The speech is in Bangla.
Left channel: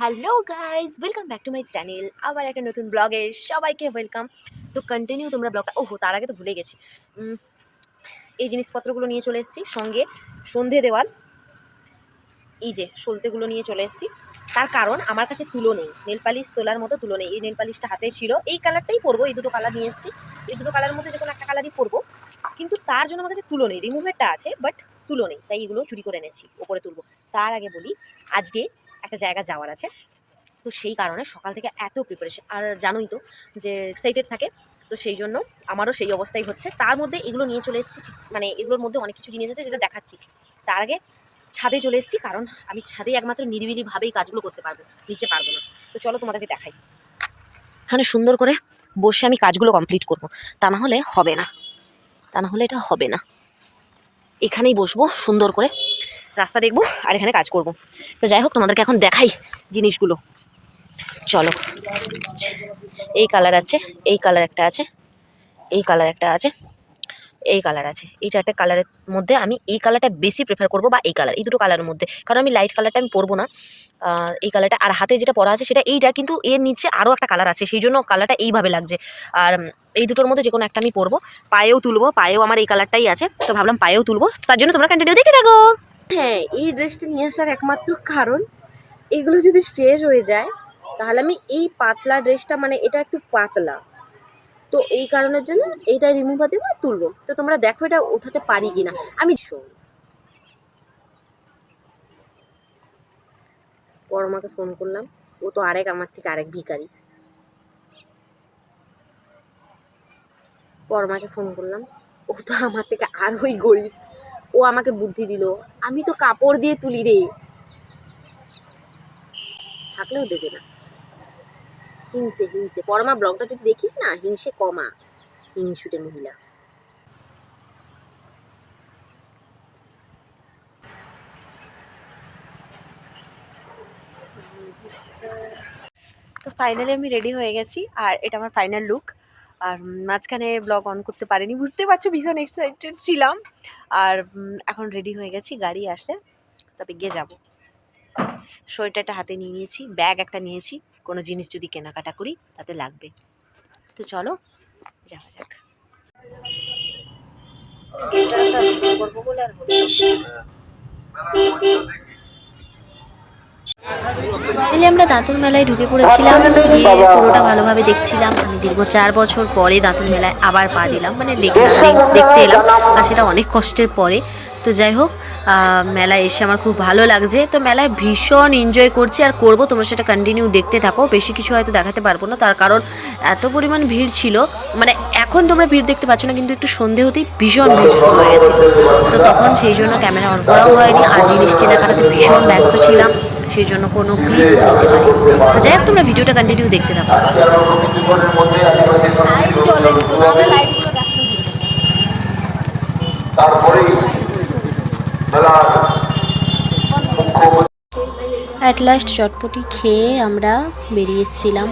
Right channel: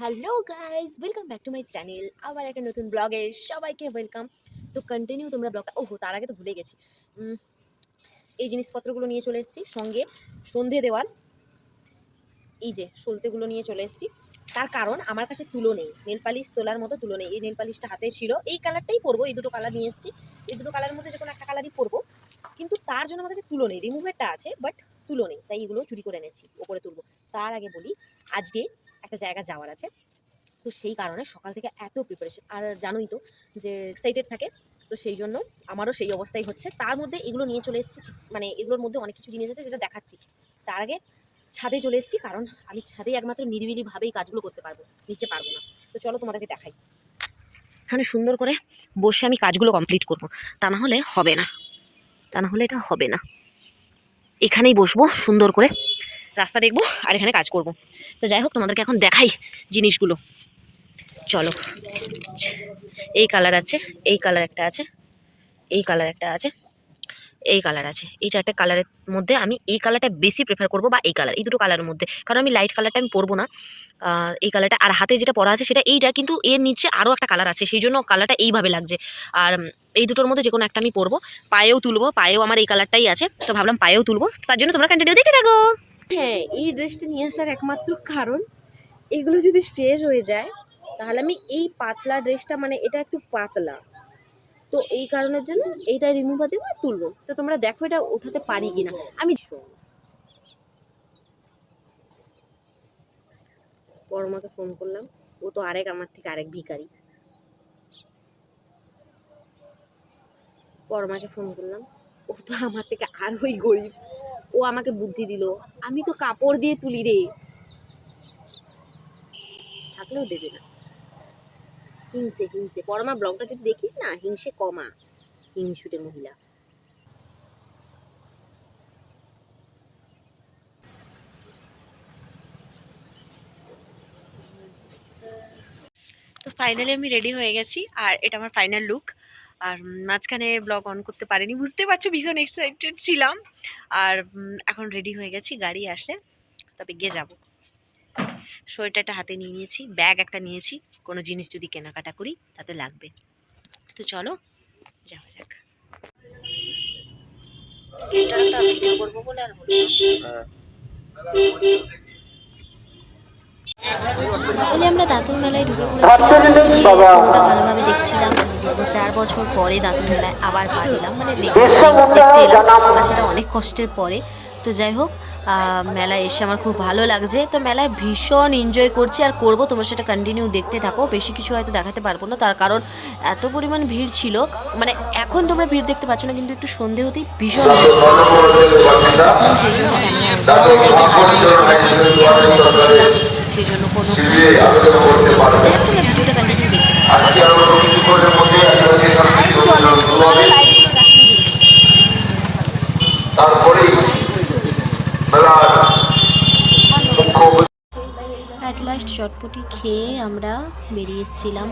Hello guys, welcome back to my channel. আবার একটা নতুন ব্লগে সবাইকে ওয়েলকাম। তো কন্টিনিউ তোমরা ব্লগটা তার আগে তো ভুলে গেছি। এই জিনিসপত্রগুলো নিয়ে চলে এসেছি, সঙ্গে সন্ধে দেওয়ার এই যে সলতেগুলো নিয়ে চলে এসেছি। তার কারণ আমার কাছে তুলো নেই, নেল পালিশ তোলার মতো তুলো নেই। এই নেল পালিশটা হাতে ছিল, এই কালারটাই পরবো, এই দুটো কালার নিয়ে এসেছি। এই দুটো কালারের মধ্যে যে কোনো একটা কালারই পরবো, কিন্তু তার জন্য আমার কাছে তুলো নেই। রিমুভারটা আছে বাট তুলো নেই, তাই এগুলো চুরি করে এনেছি, ওপরে তুলবো। তার আগে বলি, আজকে একটা জায়গা যাওয়ার আছে, তো সেই কারণে সকাল থেকে এত প্রিপারেশন, আর জানোই তো যে এক্সাইটেড থাকে, তো সেই জন্য আমারও সেই অবস্থাই হচ্ছে। তার মধ্যে এগুলো নিয়ে চলে এসেছি, মানে এগুলোর মধ্যে অনেক কিছু জিনিস আছে যেটা দেখাচ্ছি। তার আগে ছাদে চলে এসেছি, কারণ আমি ছাদে একমাত্র নিরিবিলিভাবেই কাজগুলো করতে পারবো, নিচে পারবো না। তো চলো তোমাদেরকে দেখাই। এখানে সুন্দর করে বসে আমি কাজগুলো কমপ্লিট করব, তা না হলে হবে না, তা না হলে এটা হবে না। এখানেই বসবো সুন্দর করে, রাস্তা দেখবো আর এখানে কাজ করব। তো যাই হোক, তোমাদেরকে এখন দেখাই জিনিসগুলো। চলো, এই কালার আছে, এই কালার একটা আছে, এই কালার একটা আছে, এই কালার আছে। এই চারটে কালারের মধ্যে আমি এই কালারটা বেশি প্রেফার করবো, বা এই কালার, এই দুটো কালারের মধ্যে। কারণ আমি লাইট কালারটা আমি পরবো না, এই কালারটা। আর হাতে যেটা পরা আছে সেটা এইটা, কিন্তু এর নিচে আরও একটা কালার আছে, সেই জন্য কালারটা এইভাবে লাগছে। আর এই দুটোর মধ্যে যে কোনো একটা আমি পরবো। পায়েও তুলবো, পায়েও আমার এই কালারটাই আছে, তো ভাবলাম পায়েও তুলবো। তার জন্য তোমরা কন্টিনিউ দেখতে থাকো। হ্যাঁ, এই ড্রেসটা নিয়ে আসার একমাত্র কারণ, এগুলো যদি স্ট্রেচ হয়ে যায় তাহলে আমি এই পাতলা ড্রেসটা, মানে এটা একটু পাতলা, তো এই কারণের জন্য এইটা রিমুভার দেবো আর তুলবো। তো তোমরা দেখো এটা উঠাতে পারি কিনা। আমি পরমাকে ফোন করলাম, ও তো আমার থেকে আরেক ভিখারি। পরমাকে ফোন করলাম, ও তো আমার থেকে আরোই গরিব। ও আমাকে বুদ্ধি দিল, আমি তো কাপড় দিয়ে তুলি রে, থাকলেও দেবে না। হিংসে হিংসে, পরমা ব্লগটা যদি দেখিস না, হিংসে কমা, হিংসুটে মহিলা। তো ফাইনালি আমি রেডি হয়ে গেছি, আর এটা আমার ফাইনাল লুক। আর মাঝখানে ব্লগ অন করতে পারিনি, বুঝতে পারছো, ভীষণ এক্সাইটেড ছিলাম। আর এখন রেডি হয়ে গেছি, গাড়ি আসলে তবে গিয়ে যাব। সোয়েটারটা হাতে নিয়ে নিয়েছি, ব্যাগ একটা নিয়েছি, কোনো জিনিস যদি কেনাকাটা করি তাতে লাগবে। তো চলো যাওয়া যাক। করবো বলে আর দিলে আমরা দাঁতুন মেলায় ঢুকে পড়েছিলাম, গিয়ে পুরোটা ভালোভাবে দেখছিলাম। আমি দীর্ঘ 4 বছর পরে দাঁতুন মেলায় আবার পা দিলাম, মানে দেখতে এলাম, আর সেটা অনেক কষ্টের পরে। তো যাই হোক, মেলায় এসে আমার খুব ভালো লাগছে। তো মেলায় ভীষণ এনজয় করছি আর করবো, তোমরা সেটা কন্টিনিউ দেখতে থাকো। বেশি কিছু হয়তো দেখাতে পারবো না, তার কারণ এত পরিমাণ ভিড় ছিল। মানে এখন তোমরা ভিড় দেখতে পাচ্ছ না, কিন্তু একটু সন্ধে হতেই ভীষণ ভিড় শুরু হয়ে গেছে। তো তখন সেই জন্য ক্যামেরা অন করাও হয়নি, আর জিনিস কেনাকাটাতে ভীষণ ব্যস্ত ছিলাম, সেই জন্য কোনো ক্লিপ করতে পারিনি। তো যাই হোক, তোমরা ভিডিওটা কন্টিনিউ দেখতে থাকো। অ্যাট লাস্ট চটপটি খেয়ে আমরা বেরিয়ে এসেছিলাম।